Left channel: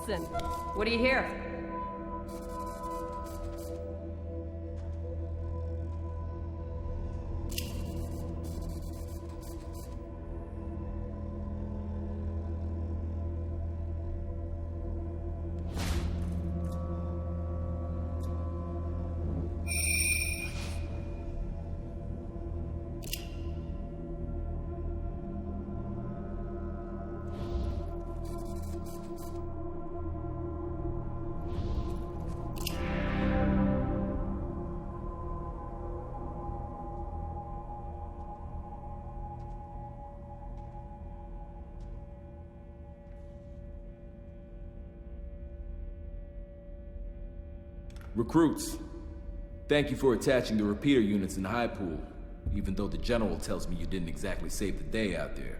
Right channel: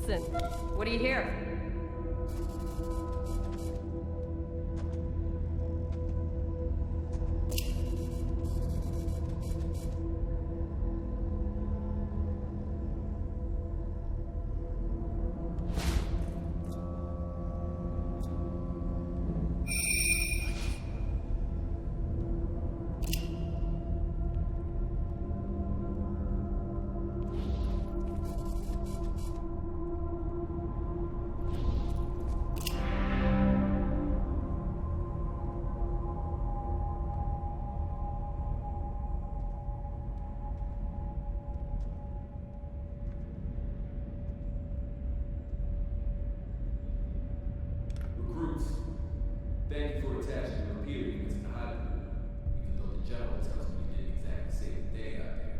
Woodson, what do you hear? Recruits, thank you for attaching the repeater units in High Pool, even though the General tells me you didn't exactly save the day out there.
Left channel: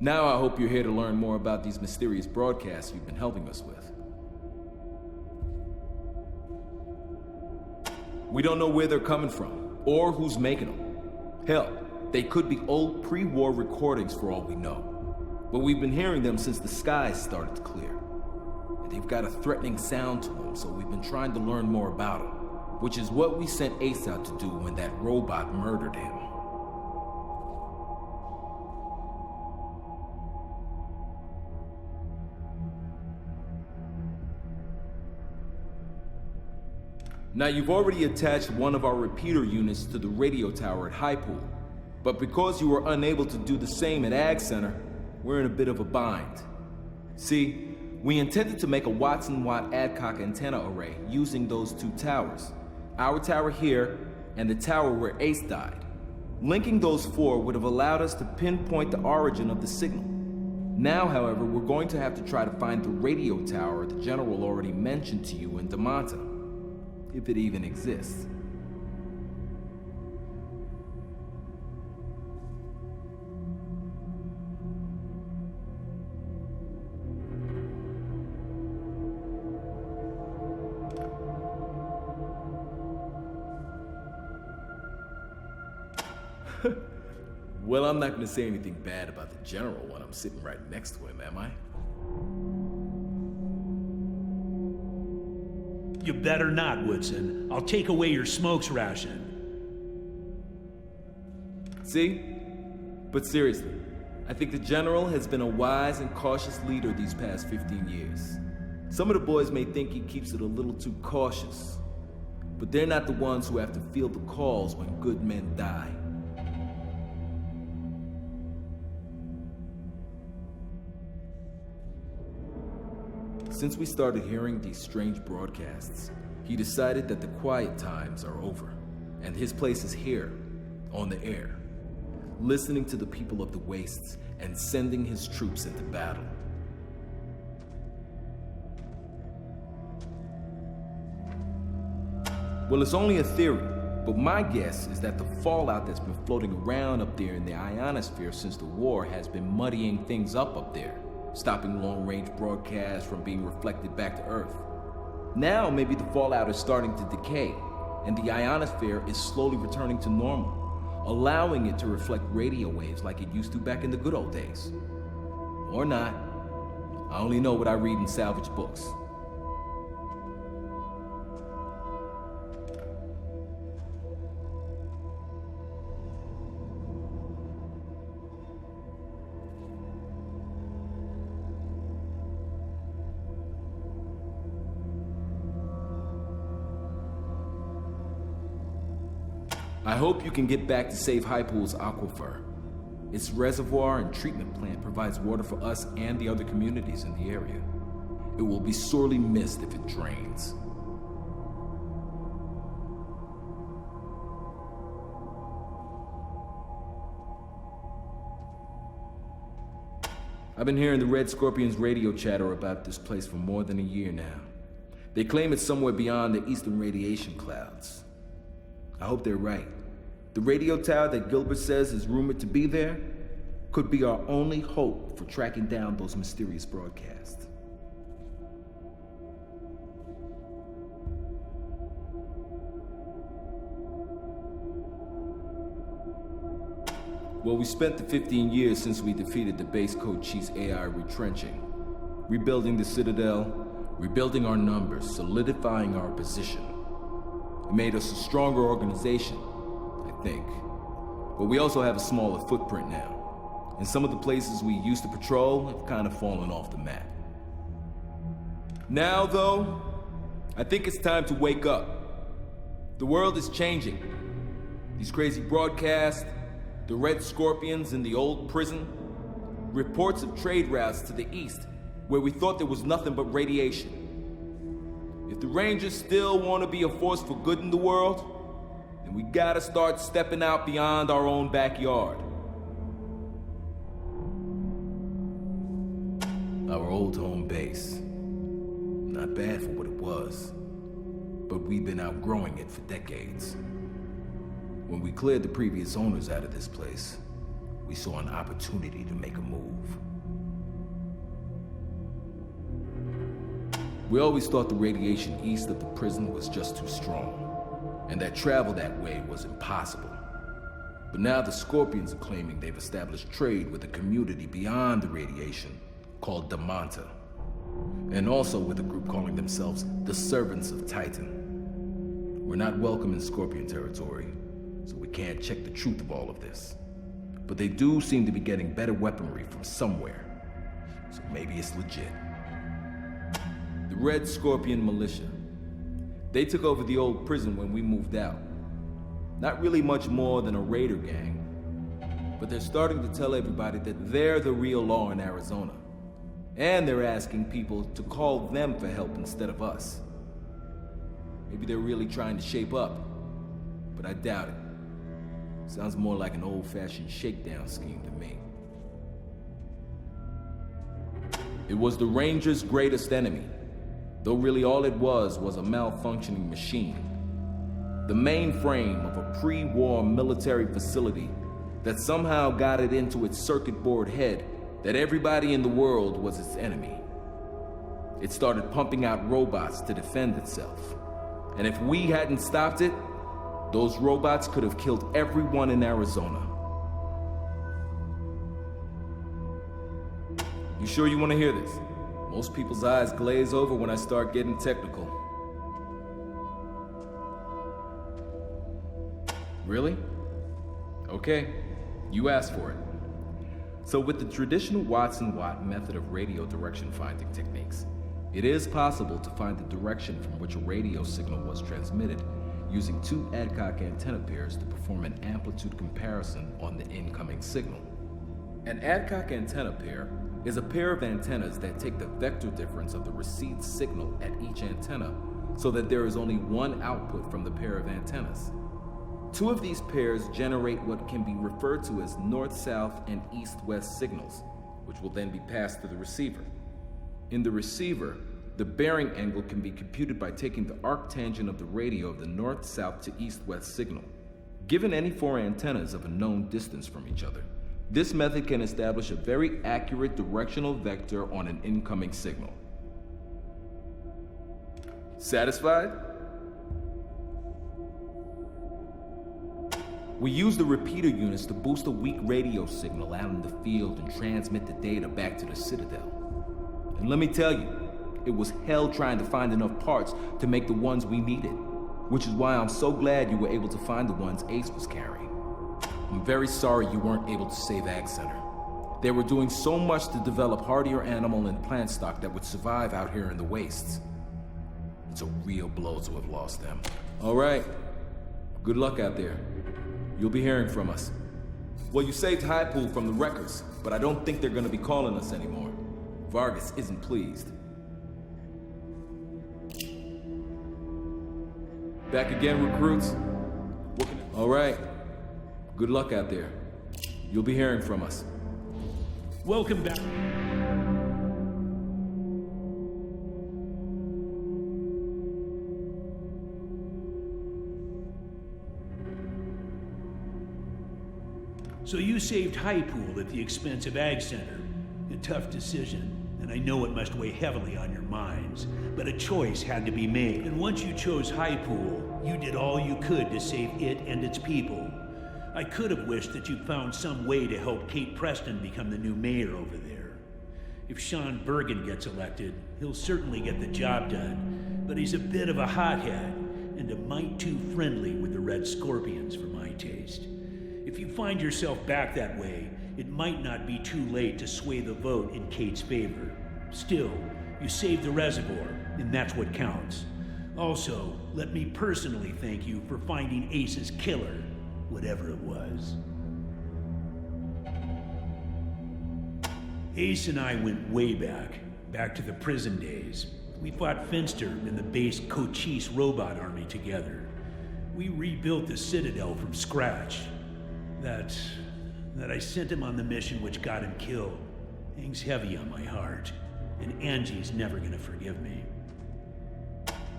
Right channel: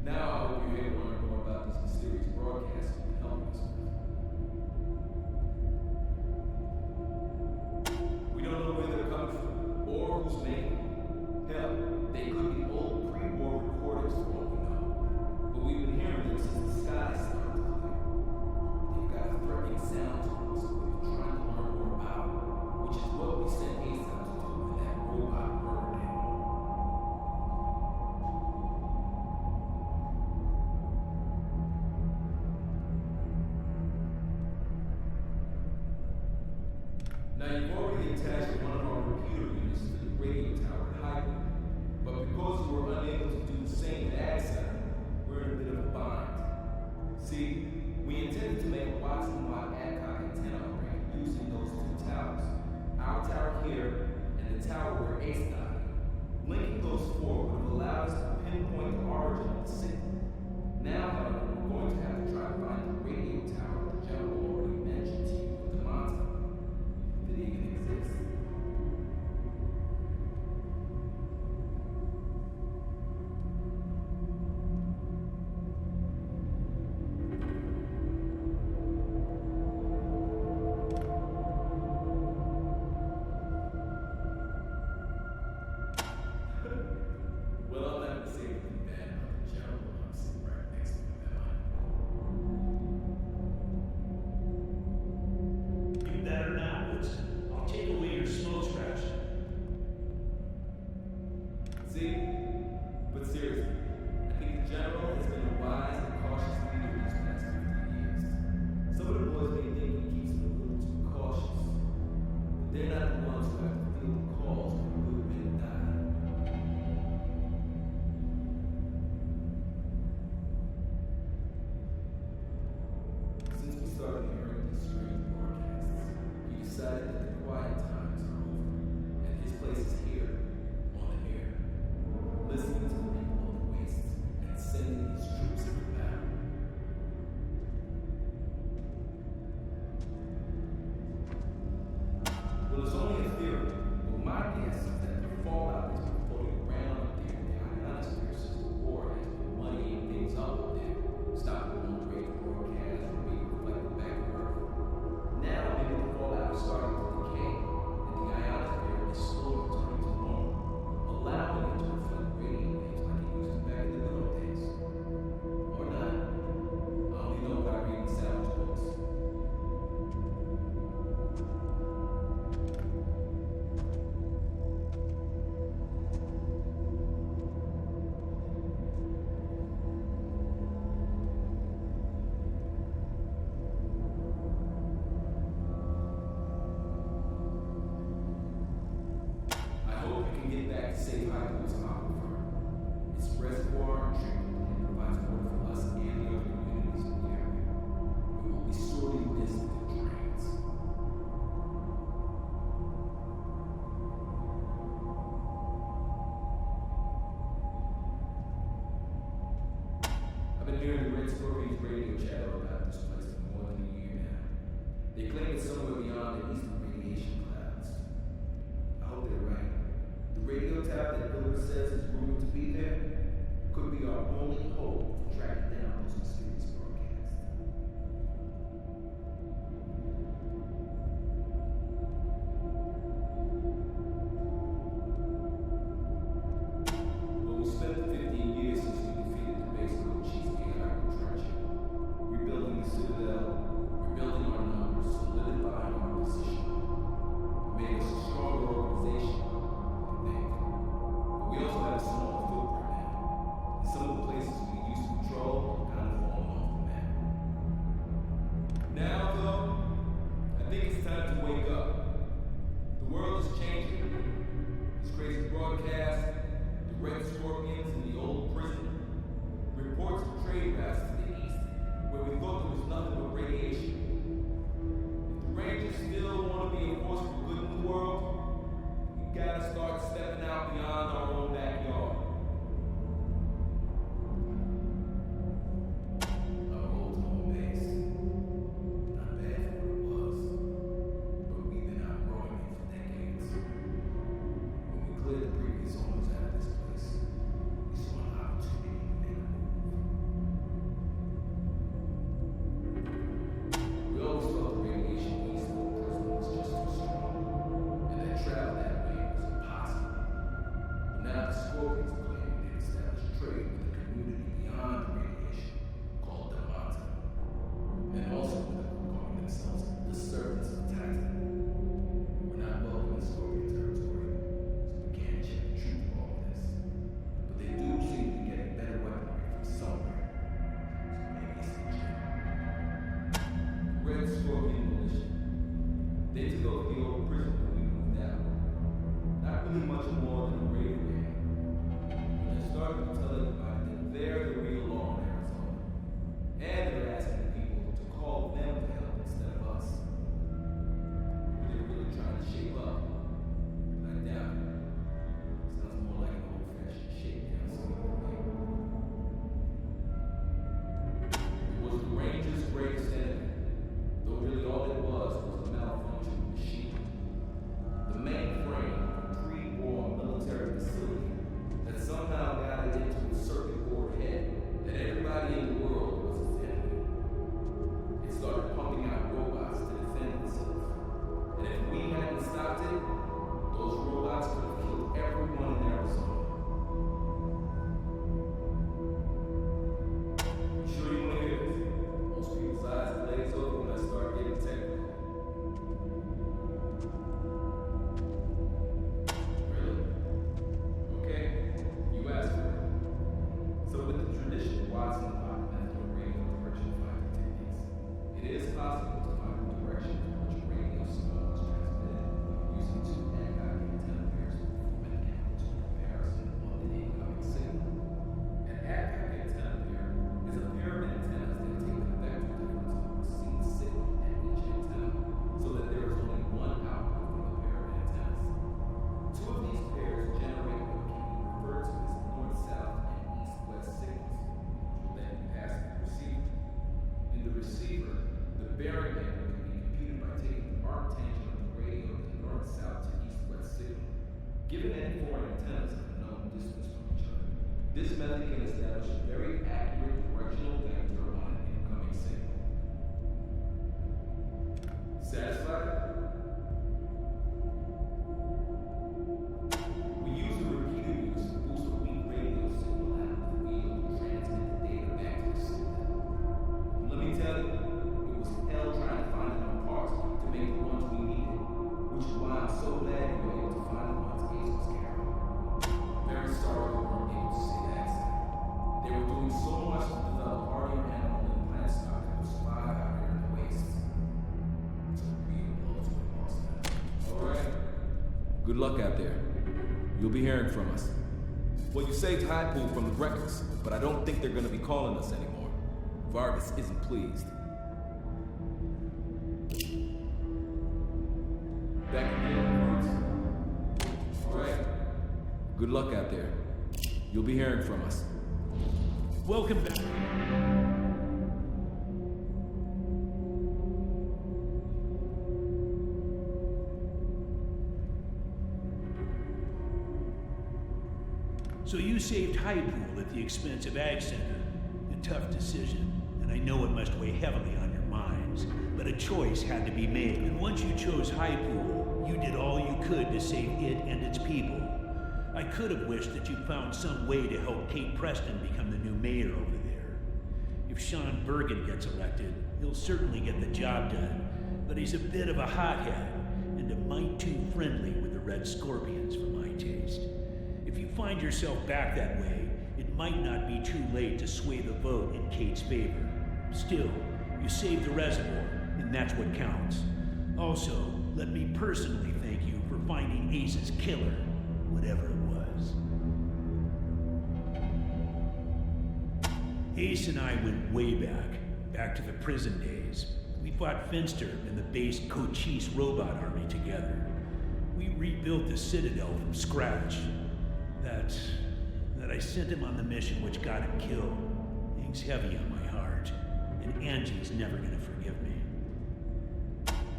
Now I hope you're here to learn more about these mysterious broadcasts you've been helping us with. We don't know where they're coming from, or who's making them. Hell, they could be old pre-war recordings for all we know. But we've been hearing them since the skies started to clear. And they've got a threatening sound to them, so we've been trying to learn more about them. Which is what we sent Ace out to do when that robot murdered him. Now you've already attached one of our repeater units to the radio tower at High Pool. But because you were unable to do the same at Ag Center, we're in a bit of a bind. See, we intended to make a Watson-Watt Adcock antenna array using those two towers. Our tower here, and the tower where Ace died. Linking those four would have allowed us to pinpoint the origin of the signal. Now, however, we're going to have to try to find the radio tower the General already mentioned to you in Damanta. If it even exists. Well, I'm not gonna say anything bad about the General when I'm sitting right next to him, am I? You better not, Woodson. I'll take away your smokes ration. See? But seriously, I think the General has been a wise and cautious leader these past 15 years. Some of the boys may think he keeps it a little too cautious, but they're not the ones who have to field the calls when good men die. Since we started hearing these strange broadcasts, he decided that the quiet times are over, and his place is here, on the air, listening to the people of the Wastes and sending his troops into battle. Well, it's only a theory, but my guess is that the fallout that's been floating around up there in the ionosphere since the war has been muddying things up there. Stopping long-range broadcasts from being reflected back to Earth. Now maybe the fallout is starting to decay, and the ionosphere is slowly returning to normal, allowing it to reflect radio waves like it used to back in the good old days. Or not. I only know what I read in salvage books. I hope you can get back to save High Pool's aquifer. Its reservoir and treatment plant provides water for us and the other communities in the area. It will be sorely missed if it drains. I've been hearing the Red Scorpions radio chatter about this place for more than a year now. They claim it's somewhere beyond the eastern radiation clouds. I hope they're right. The radio tower that Gilbert says is rumored to be there could be our only hope for tracking down those mysterious broadcasts. Well, we spent the 15 years since we defeated the base code chief's AI retrenching. Rebuilding the Citadel, rebuilding our numbers, solidifying our position. It made us a stronger organization, I think. But we also have a smaller footprint now. And some of the places we used to patrol have kind of fallen off the map. Now, though, I think it's time to wake up. The world is changing. These crazy broadcasts, the Red Scorpions in the old prison, reports of trade routes to the east where we thought there was nothing but radiation. If the Rangers still want to be a force for good in the world, then we gotta start stepping out beyond our own backyard. Our old home base. Not bad for what it was, but we've been outgrowing it for decades. When we cleared the previous owners out of this place, we saw an opportunity to make a move. We always thought the radiation east of the prison was just too strong, and that travel that way was impossible. But now the Scorpions are claiming they've established trade with a community beyond the radiation called Damanta, and also with a group calling themselves the Servants of Titan. We're not welcome in Scorpion territory, so we can't check the truth of all of this. But they do seem to be getting better weaponry from somewhere, so maybe it's legit. The Red Scorpion Militia. They took over the old prison when we moved out. Not really much more than a raider gang, but they're starting to tell everybody that they're the real law in Arizona. And they're asking people to call them for help instead of us. Maybe they're really trying to shape up, but I doubt it. Sounds more like an old-fashioned shakedown scheme to me. It was the Rangers' greatest enemy, though really all it was a malfunctioning machine. The mainframe of a pre-war military facility that somehow got it into its circuit board head that everybody in the world was its enemy. It started pumping out robots to defend itself. And if we hadn't stopped it, those robots could have killed everyone in Arizona. You sure you want to hear this? Most people's eyes glaze over when I start getting technical. Really? Okay, you asked for it. So with the traditional Watson-Watt method of radio direction finding techniques, it is possible to find the direction from which a radio signal was transmitted using two Adcock antenna pairs to perform an amplitude comparison on the incoming signal. An Adcock antenna pair is a pair of antennas that take the vector difference of the received signal at each antenna so that there is only one output from the pair of antennas. Two of these pairs generate what can be referred to as north-south and east-west signals, which will then be passed to the receiver. In the receiver, the bearing angle can be computed by taking the arctangent of the radio of the north-south to east-west signal. Given any four antennas of a known distance from each other, this method can establish a very accurate directional vector on an incoming signal. Satisfied? We use the repeater units to boost a weak radio signal out in the field and transmit the data back to the Citadel. And let me tell you, it was hell trying to find enough parts to make the ones we needed, which is why I'm so glad you were able to find the ones Ace was carrying. I'm very sorry you weren't able to save Ag Center. They were doing so much to develop hardier animal and plant stock that would survive out here in the wastes. It's a real blow to have lost them. All right, good luck out there. You'll be hearing from us. Well, you saved Highpool from the wreckers, but I don't think they're gonna be calling us anymore. Vargas isn't pleased. Back again, recruits? All right. Good luck out there. You'll be hearing from us. Welcome back. So you saved Highpool at the expense of Ag Center. A tough decision, and I know it must weigh heavily on your minds, but a choice had to be made. And once you chose Highpool, you did all you could to save it and its people. I could have wished that you found some way to help Kate Preston become the new mayor over there. If Sean Bergen gets elected, he'll certainly get the job done, but he's a bit of a hothead and a mite too friendly with the Red Scorpions for my taste. If you find yourself back that way, it might not be too late to sway the vote in Kate's favor. Still, you saved the reservoir, and that's what counts. Also, let me personally thank you for finding Ace's killer, whatever it was. Ace and I went way back to the prison days. We fought Finster and the base Cochise robot army together. We rebuilt the Citadel from scratch. That I sent him on the mission which got him killed hangs heavy on my heart, and Angie's never gonna forgive me.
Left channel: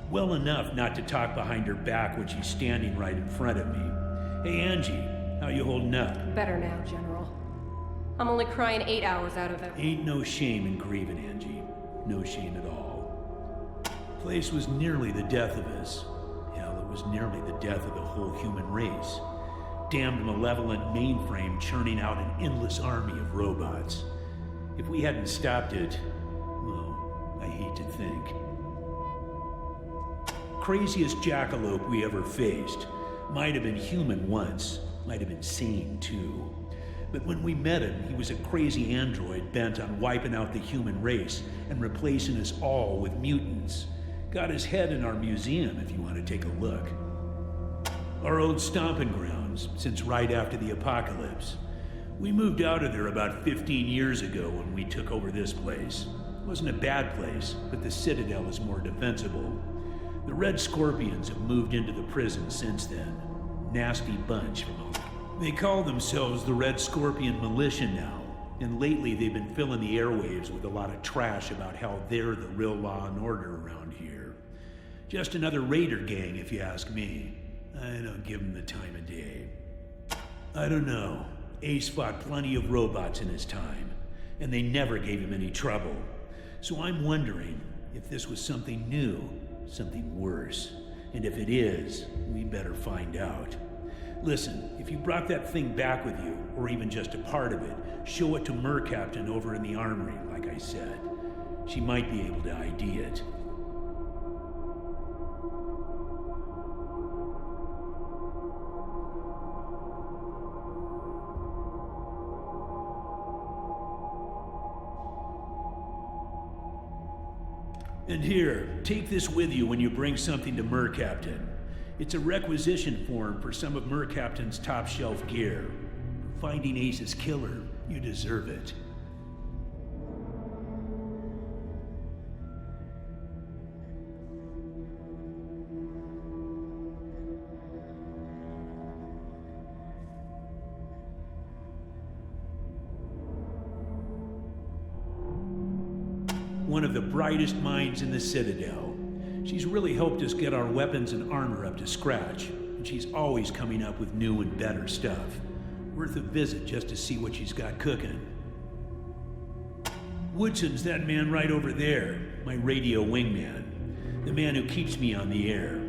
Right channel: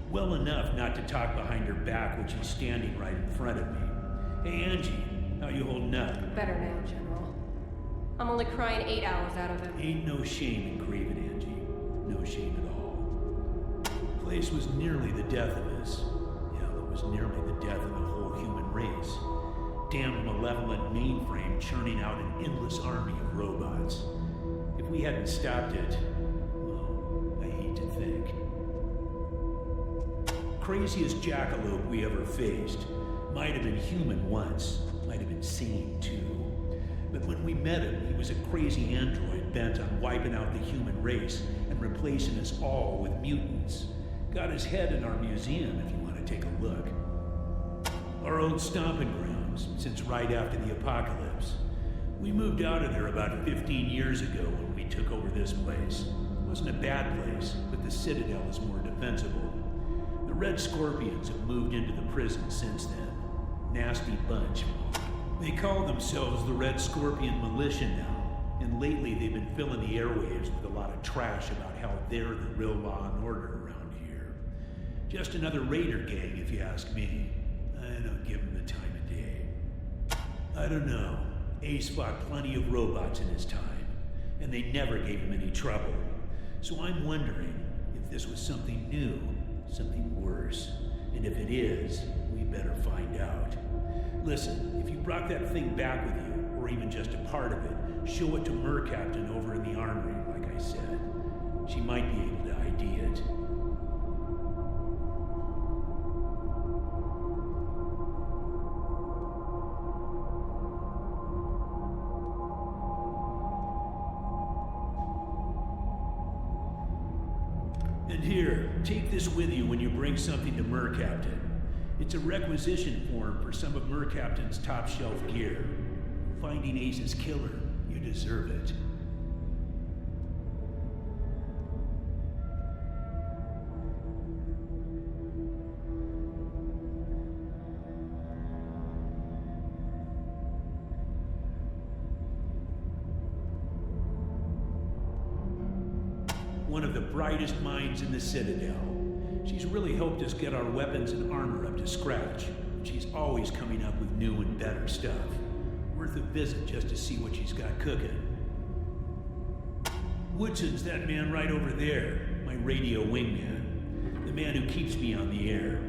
Well enough not to talk behind her back when she's standing right in front of me. Hey Angie, how you holding up? Better now, General. I'm only crying 8 hours out of it. Ain't no shame in grieving, Angie. No shame at all. Place was nearly the death of us. Hell, it was nearly the death of the whole human race. Damned malevolent mainframe churning out an endless army of robots. If we hadn't stopped it, well, I hate to think. Craziest jackalope we ever faced. Might have been human once, might have been sane too. But when we met him, he was a crazy android bent on wiping out the human race and replacing us all with mutants. Got his head in our museum if you want to take a look. Our old stomping grounds, since right after the apocalypse. We moved out of there about 15 years ago when we took over this place. It wasn't a bad place, but the Citadel is more defensible. The Red Scorpions have moved into the prison since then. Nasty bunch. They call themselves the Red Scorpion Militia now, and lately they've been filling the airwaves with a lot of trash about how they're the real law and order around here. Just another raider gang, if you ask me. I don't give them the time of day. I don't know. Ace fought plenty of robots in his time, and they never gave him any trouble. So I'm wondering if this was something new, something worse. And if it is, we better find out. Listen, if you brought that thing back with you, or even just a part of it, show it to Mercaptain over in the armory, like I said. She might be able to ID it. And here, take this with you when you bring something to Mercaptain. It's a requisition form for some of Mercaptain's top-shelf gear. Finding Ace's killer, you deserve it. One of the brightest minds in the Citadel. She's really helped us get our weapons and armor up to scratch, and she's always coming up with new and better stuff. Worth a visit just to see what she's got cooking. Woodson's that man right over there, my radio wingman, the man who keeps me on the air.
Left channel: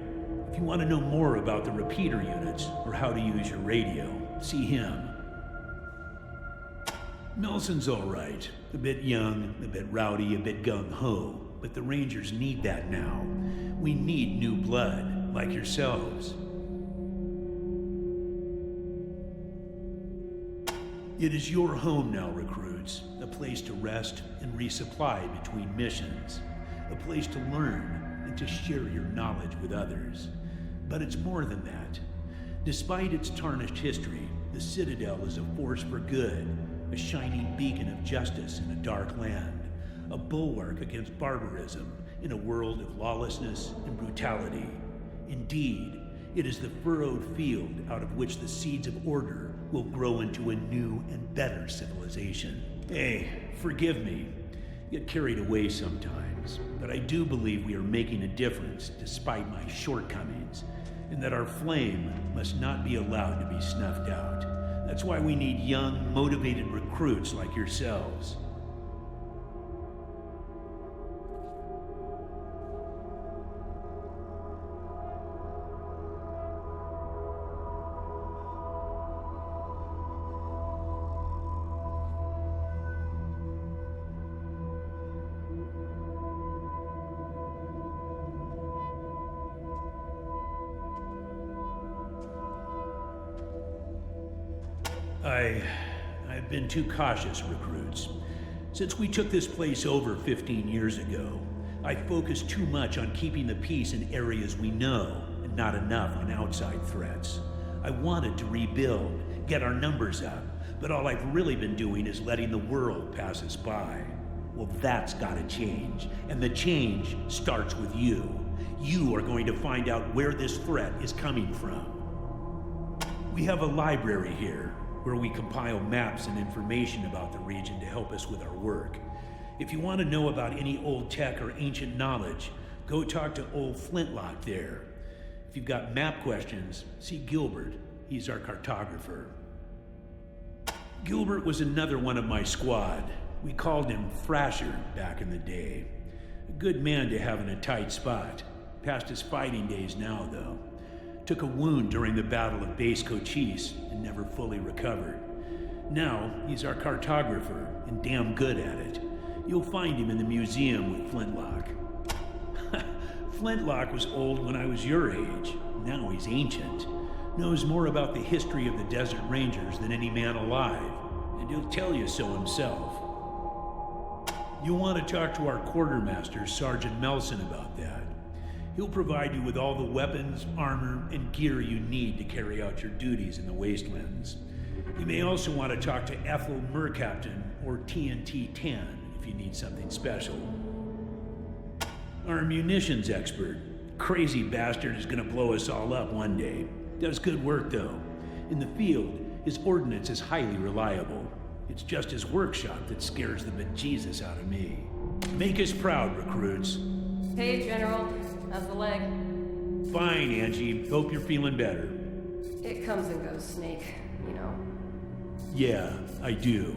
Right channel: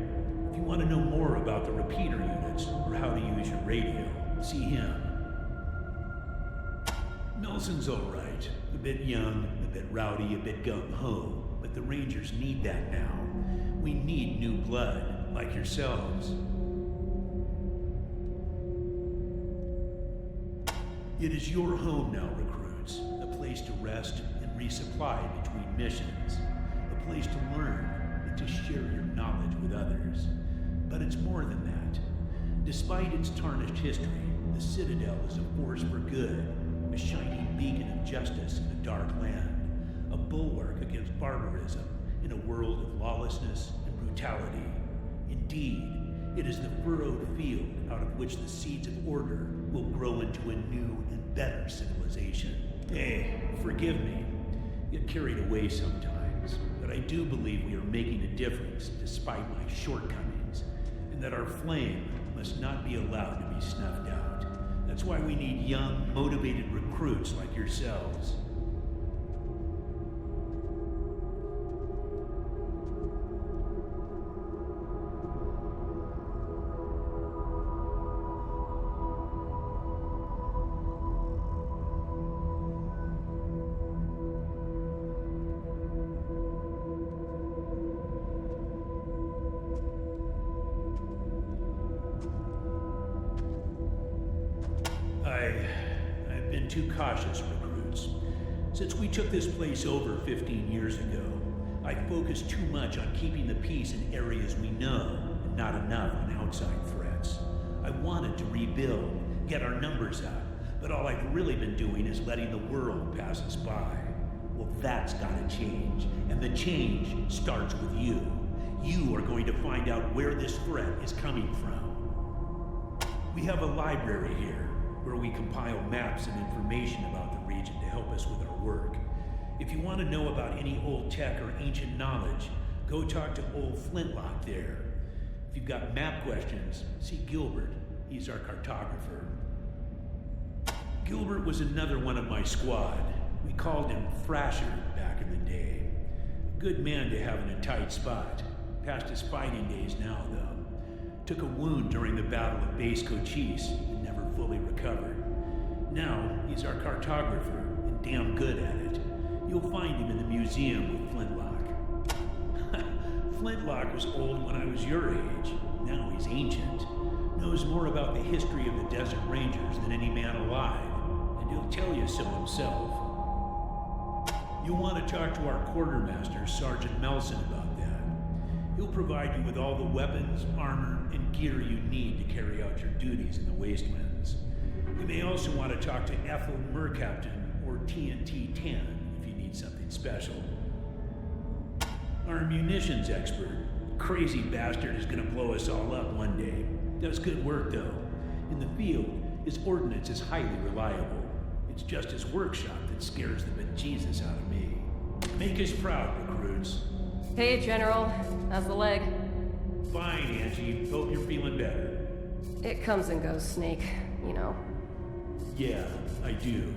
If you want to know more about the repeater units, or how to use your radio, see him. Nelson's all right. A bit young, a bit rowdy, a bit gung-ho, but the Rangers need that now. We need new blood, like yourselves. It is your home now, recruits. A place to rest and resupply between missions. A place to learn and to share your knowledge with others. But it's more than that. Despite its tarnished history, the Citadel is a force for good. A shining beacon of justice in a dark land, a bulwark against barbarism in a world of lawlessness and brutality. Indeed, it is the furrowed field out of which the seeds of order will grow into a new and better civilization. Hey, forgive me. Get carried away sometimes, but I do believe we are making a difference despite my shortcomings, and that our flame must not be allowed to be snuffed out. That's why we need young, motivated recruits like yourselves. I've been too cautious, recruits. Since we took this place over 15 years ago, I focused too much on keeping the peace in areas we know, and not enough on outside threats. I wanted to rebuild, get our numbers up, but all I've really been doing is letting the world pass us by. Well, that's gotta change, and the change starts with you. You are going to find out where this threat is coming from. We have a library here, where we compile maps and information about the region to help us with our work. If you want to know about any old tech or ancient knowledge, go talk to old Flintlock there. If you've got map questions, see Gilbert. He's our cartographer. Gilbert was another one of my squad. We called him Thrasher back in the day. A good man to have in a tight spot. Past his fighting days now, though. Took a wound during the Battle of Base Cochise and never fully recovered. Now, he's our cartographer and damn good at it. You'll find him in the museum with Flintlock. Flintlock was old when I was your age. Now he's ancient. Knows more about the history of the Desert Rangers than any man alive, and he'll tell you so himself. You'll want to talk to our quartermaster, Sergeant Melson, about that. He'll provide you with all the weapons, armor, and gear you need to carry out your duties in the Wastelands. You may also want to talk to Ethel Mercaptain or TNT-10 if you need something special. Our munitions expert. Crazy bastard is gonna blow us all up one day. Does good work though. In the field, his ordnance is highly reliable. It's just his workshop that scares the bejesus out of me. Make us proud, recruits. Hey, General. How's the leg? Fine, Angie. Hope you're feeling better. It comes and goes, Snake. You know. Yeah, I do.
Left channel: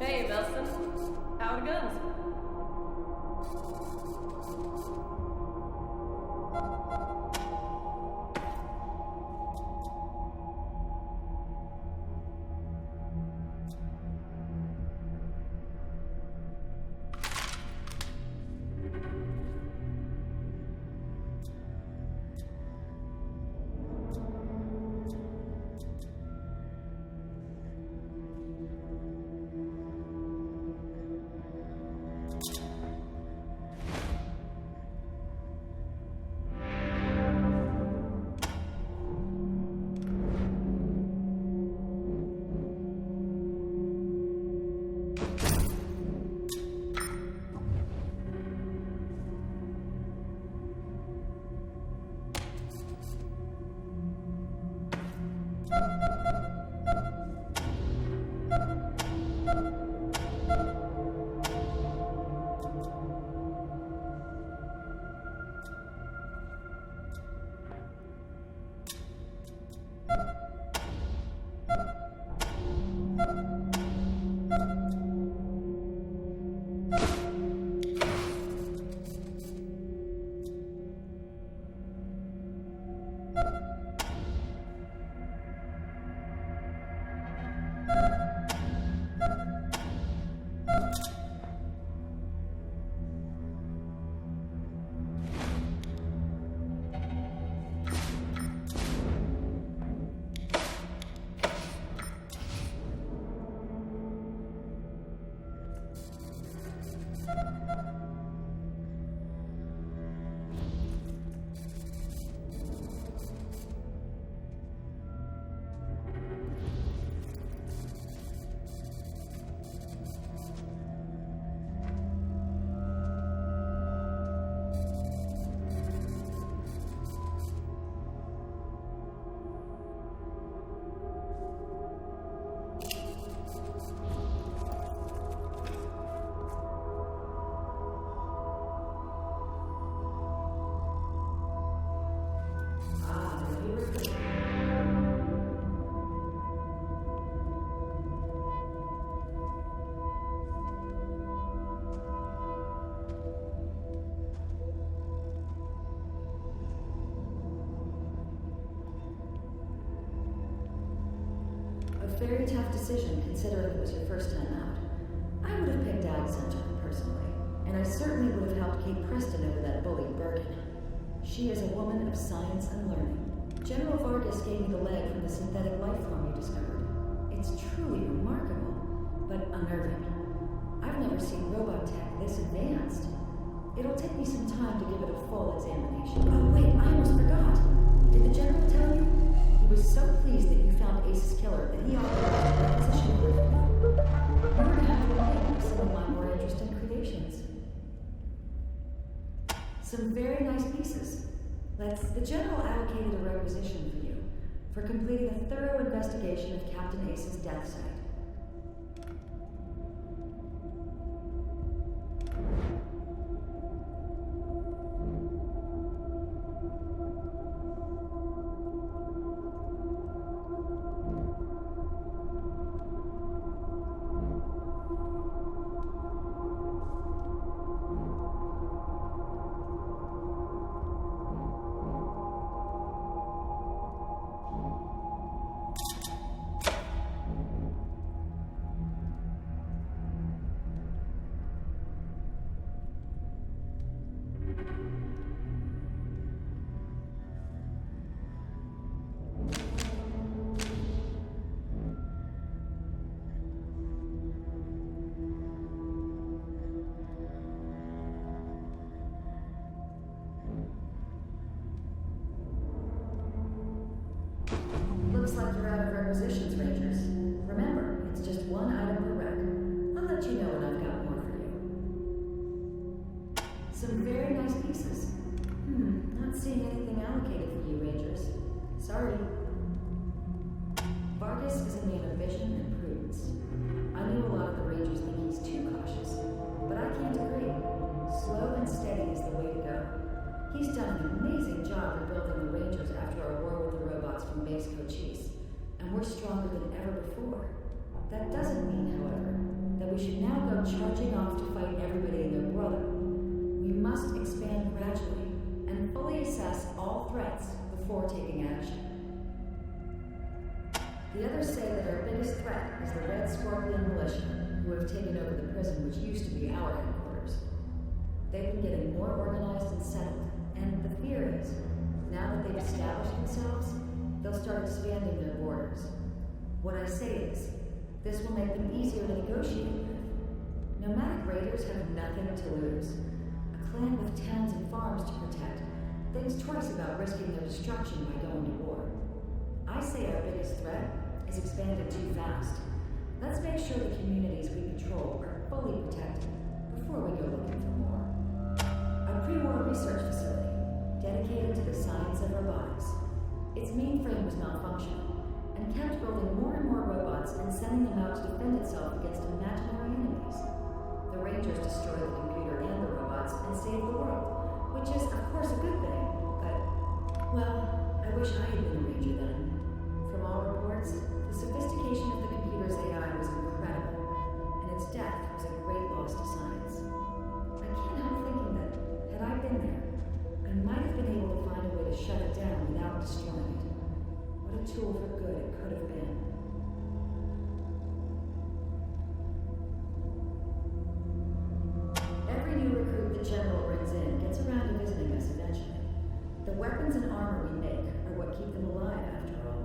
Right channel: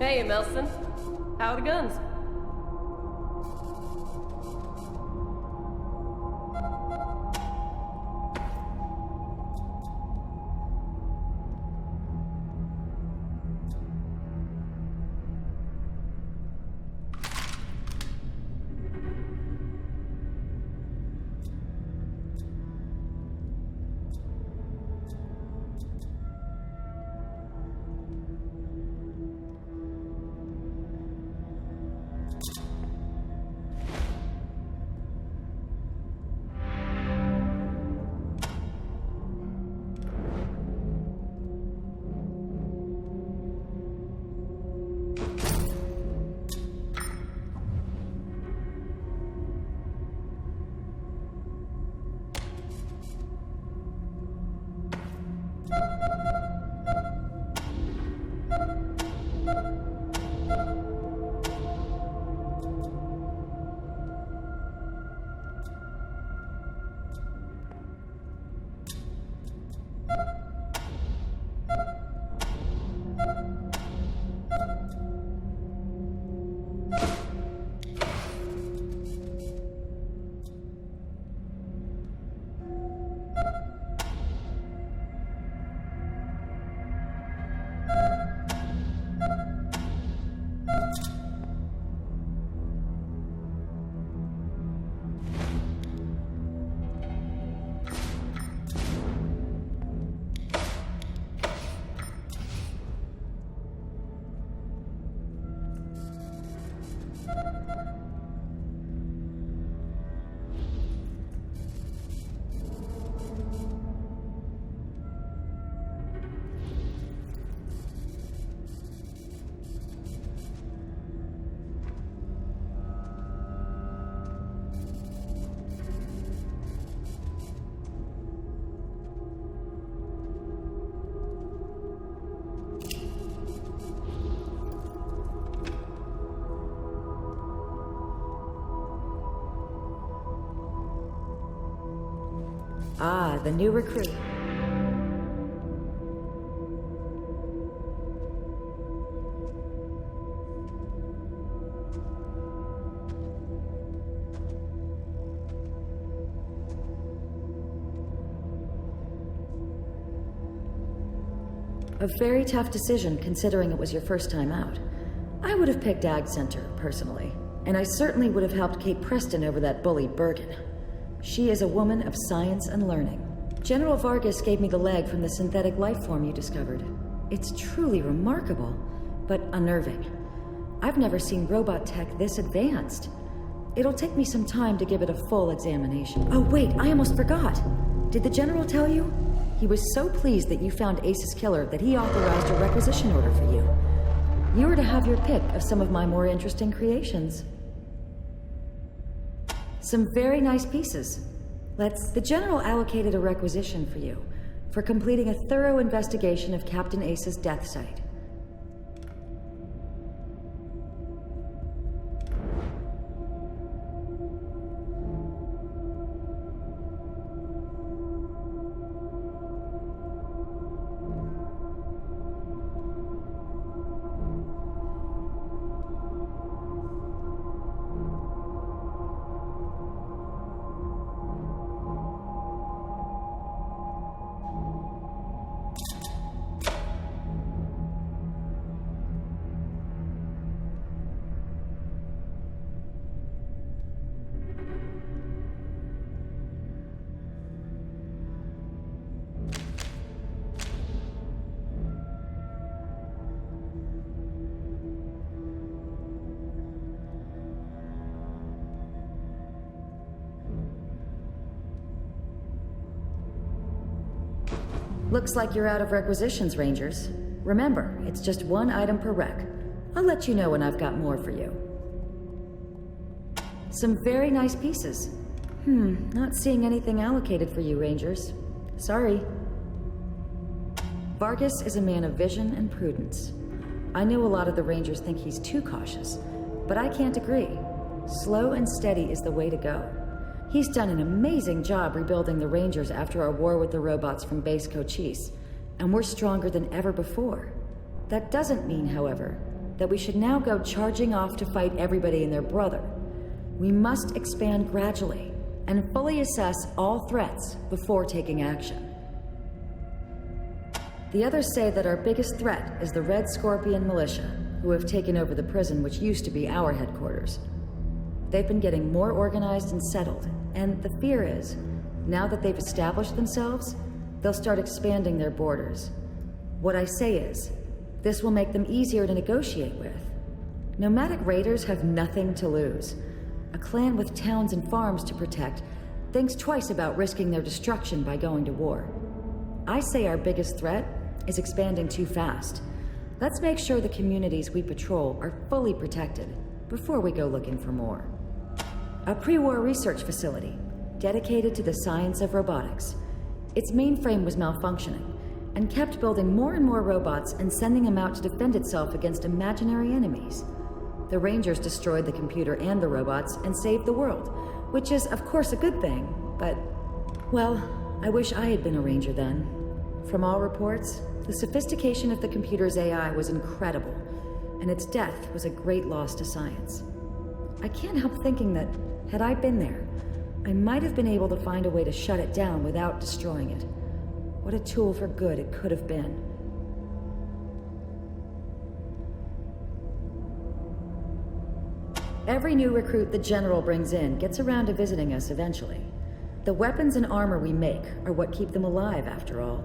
Hey, Melson. How are the guns? Ah, the new recruit. A very tough decision considering it was your first time out. I would have picked Ag Center, personally. And I certainly would have helped Kate Preston over that bully Bergen. She is a woman of science and learning. General Vargas gave me the leg from the synthetic life form you discovered. It's truly remarkable, but unnerving. I've never seen robot tech this advanced. It'll take me some time to give it a full examination. Oh wait, I almost forgot. Did the General tell you? He was so pleased that you found Ace's killer that he authorized a requisition order for you. You were to have your pick of some of my more interesting creations. Some very nice pieces. The General allocated a requisition for you, for completing a thorough investigation of Captain Ace's death site. Looks like you're out of requisitions, Rangers. Remember, it's just one item per rec. I'll let you know when I've got more for you. Some very nice pieces. Not seeing anything allocated for you, Rangers. Sorry. Vargas is a man of vision and prudence. I know a lot of the Rangers think he's too cautious, but I can't agree. Slow and steady is the way to go. He's done an amazing job rebuilding the Rangers after our war with the robots from Base Cochise, and we're stronger than ever before. That doesn't mean, however, that we should now go charging off to fight everybody and their brother. We must expand gradually and fully assess all threats before taking action. The others say that our biggest threat is the Red Scorpion militia, who have taken over the prison which used to be our headquarters. They've been getting more organized and settled, and the fear is, now that they've established themselves, they'll start expanding their borders. What I say is, this will make them easier to negotiate with. Nomadic raiders have nothing to lose. A clan with towns and farms to protect thinks twice about risking their destruction by going to war. I say our biggest threat is expanding too fast. Let's make sure the communities we patrol are fully protected before we go looking for more. A pre-war research facility dedicated to the science of robotics. Its mainframe was malfunctioning and kept building more and more robots and sending them out to defend itself against imaginary enemies. The Rangers destroyed the computer and the robots and saved the world, which is of course a good thing, but, well, I wish I had been a Ranger then. From all reports, the sophistication of the computer's AI was incredible, and its death was a great loss to science. I can't help thinking that, had I been there, I might have been able to find a way to shut it down without destroying it. What a tool for good it could have been. Every new recruit the General brings in gets around to visiting us eventually. The weapons and armor we make are what keep them alive, after all.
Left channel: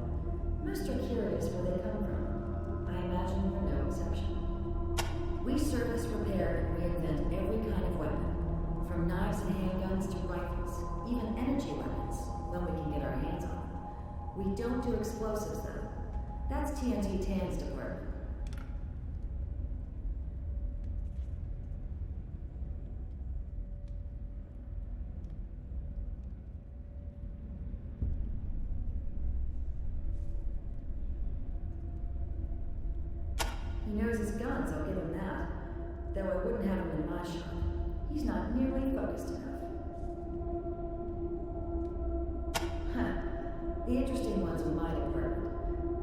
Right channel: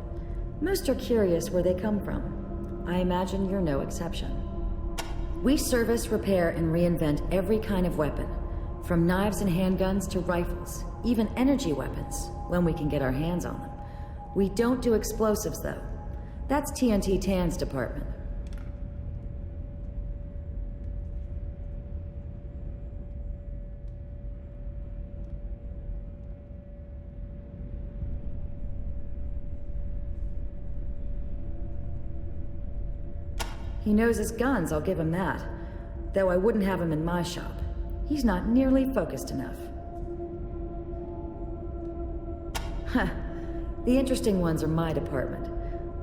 Most are curious where they come from. I imagine you're no exception. We service, repair, and reinvent every kind of weapon, from knives and handguns to rifles, even energy weapons, when we can get our hands on them. We don't do explosives, though. That's TNT Tan's department. He knows his guns, I'll give him that. Though I wouldn't have him in my shop. He's not nearly focused enough. Huh. The interesting ones are my department.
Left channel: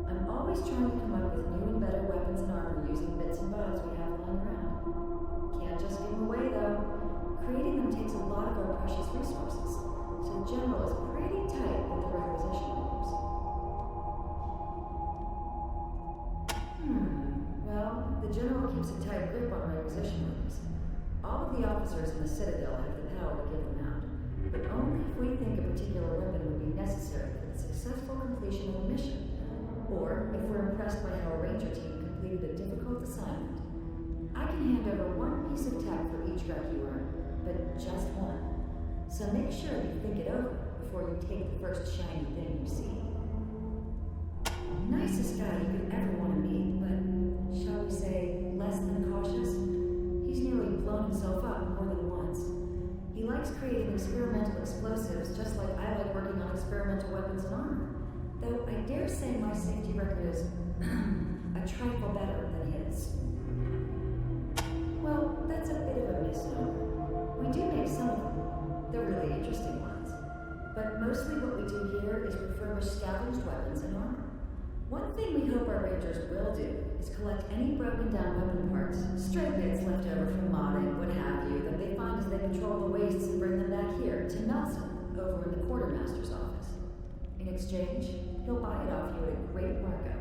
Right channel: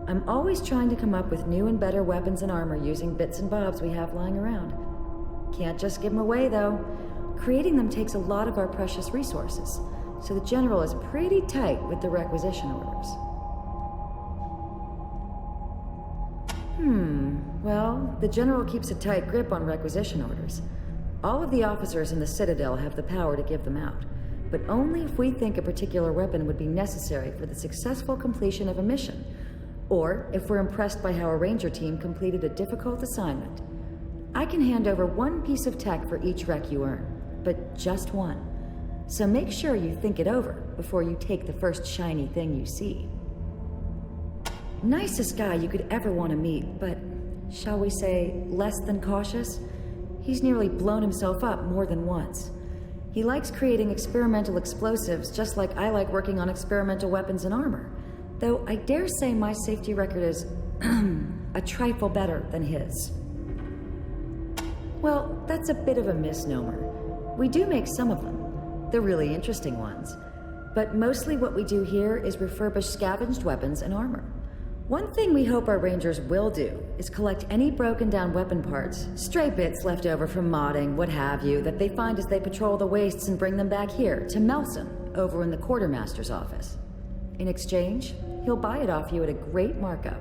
I'm always trying to come up with new and better weapons and armor using bits and bobs we have lying around. Can't just give them away, though. Creating them takes a lot of our precious resources, so the General is pretty tight with the requisition orders. Well, the General keeps a tight grip on requisition orders. All of the officers in the Citadel have the power to give them out, but only if we think a particular weapon would be necessary for the successful completion of a mission, or if we're impressed by how a Ranger team completed a difficult assignment. I can hand over one piece of tech for each wreck you earn, but just one. So make sure you think it over before you take the first shiny thing you see. Nicest guy you could ever want to meet, but shall we say, less than cautious? He's nearly blown himself up more than once. He likes creating experimental explosives just like I like working on experimental weapons and armor. Though I dare say my safety record is a trifle better than his. Well, that's a bit of a misnomer. We do make some of them, the really interesting ones. But mostly what we do here is refurbish scavenged weapons and armor. One thing we hope our Rangers will do is collect any broken down weapon parts, stray bits left over from modding, what have you, that they find as they patrol the wastes and bring them back here, to Melson, over in the Quartermaster's office. In exchange, he'll buy it off you at a great markup.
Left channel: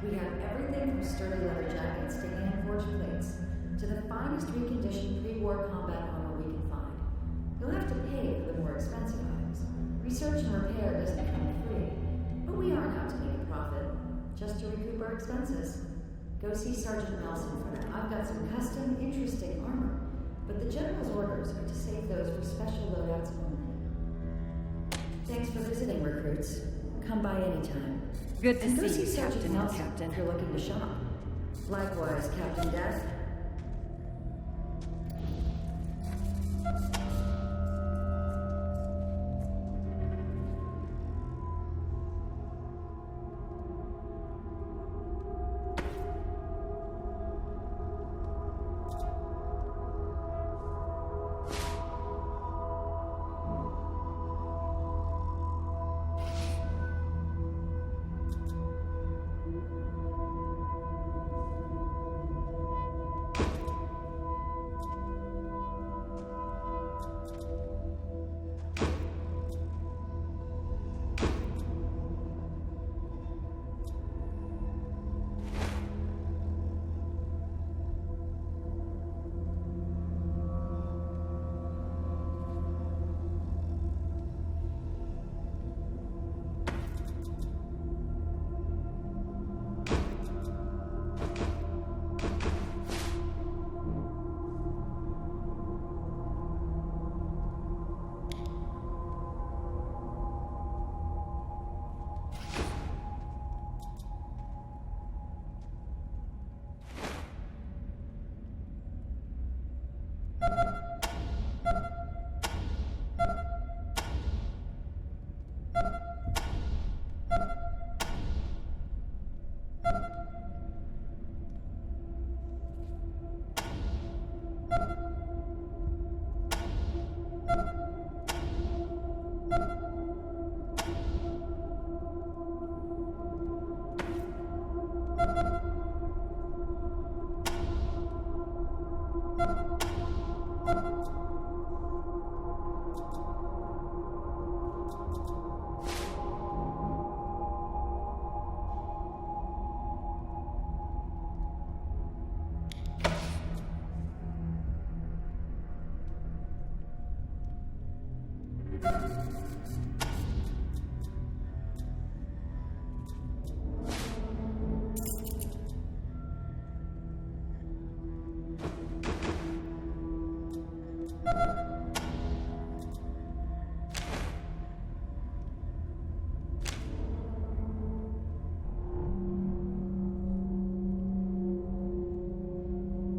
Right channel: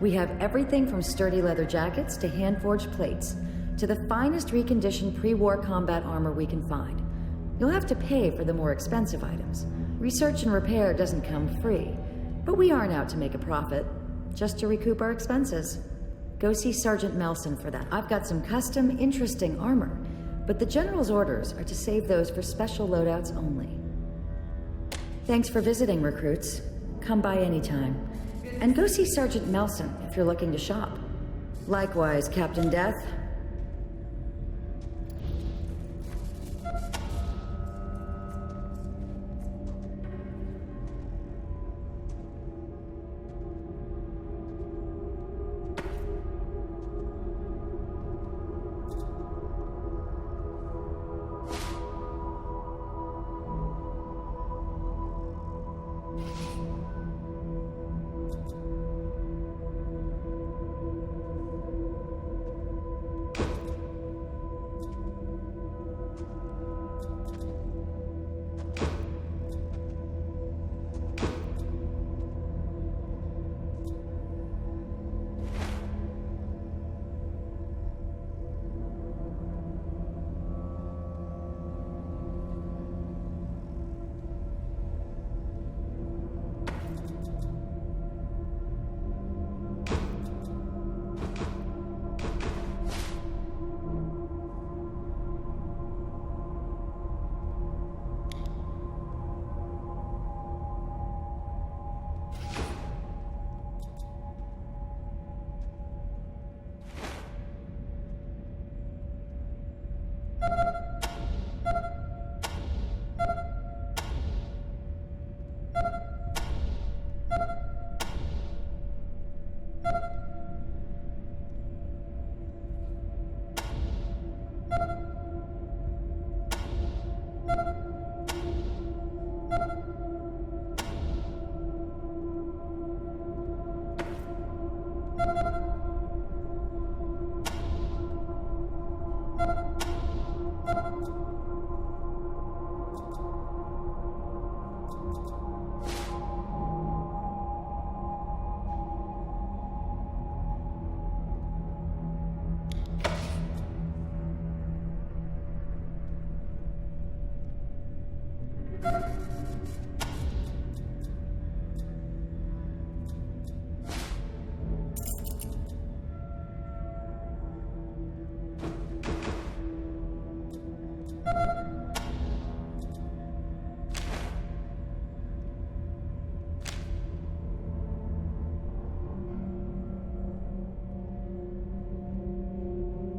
We have everything from sturdy leather jackets to hand-forged plates, to the finest reconditioned pre-war combat armor we can find. You'll have to pay for the more expensive items. Research and repair doesn't come free. But we aren't out to make a profit, just to recoup our expenses. Go see Sergeant Melson for that. I've got some custom, interesting armor, but the General's orders are to save those for special loadouts only. Thanks for visiting, recruits. Come by anytime. And go see Sergeant Melson if you're looking to shop. Likewise, Captain Death.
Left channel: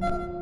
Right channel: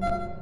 You